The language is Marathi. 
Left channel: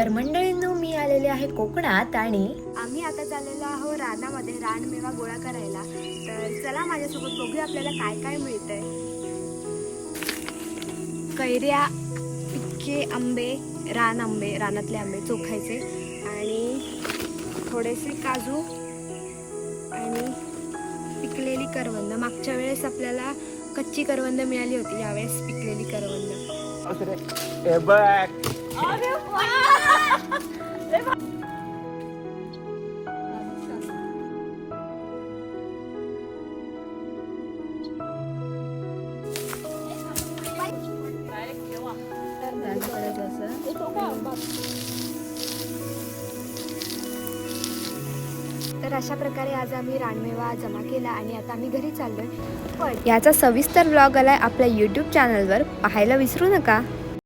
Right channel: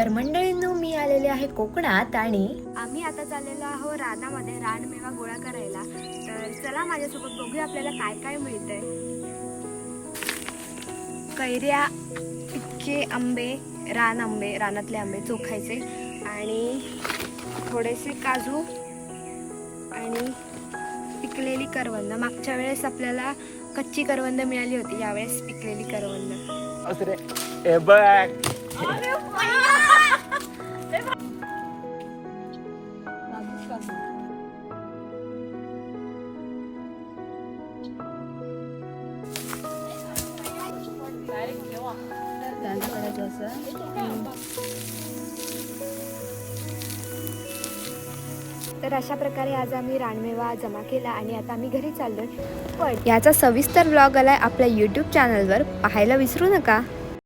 तर मंडळींनो, मी आलेले आहे कोकणात आणि आम्ही आता चाललेलो आहोत रानामध्ये रानमेवा गोळा करायला. तर चला माझ्यासोबत बघूया आपल्याला काय काय मिळतंय. कैऱ्या, पिक्के आंबे, रानातले आंबे चोखायचे आणि थोडेसे काजू आणि पिकलेली करवंद. मागच्या वेळेस आपल्याला कच्ची करवंद मिळाली होती, यावेळेस पिकलेली करवंद. तर अशा प्रकारे आज आम्ही रानमेवा जमा केला आणि आता आम्ही घरी चाललोय. पण याचा सविस्तर व्लॉग आलाय आपल्या यूट्यूब चॅनलवर, पाहायला विसरू नका.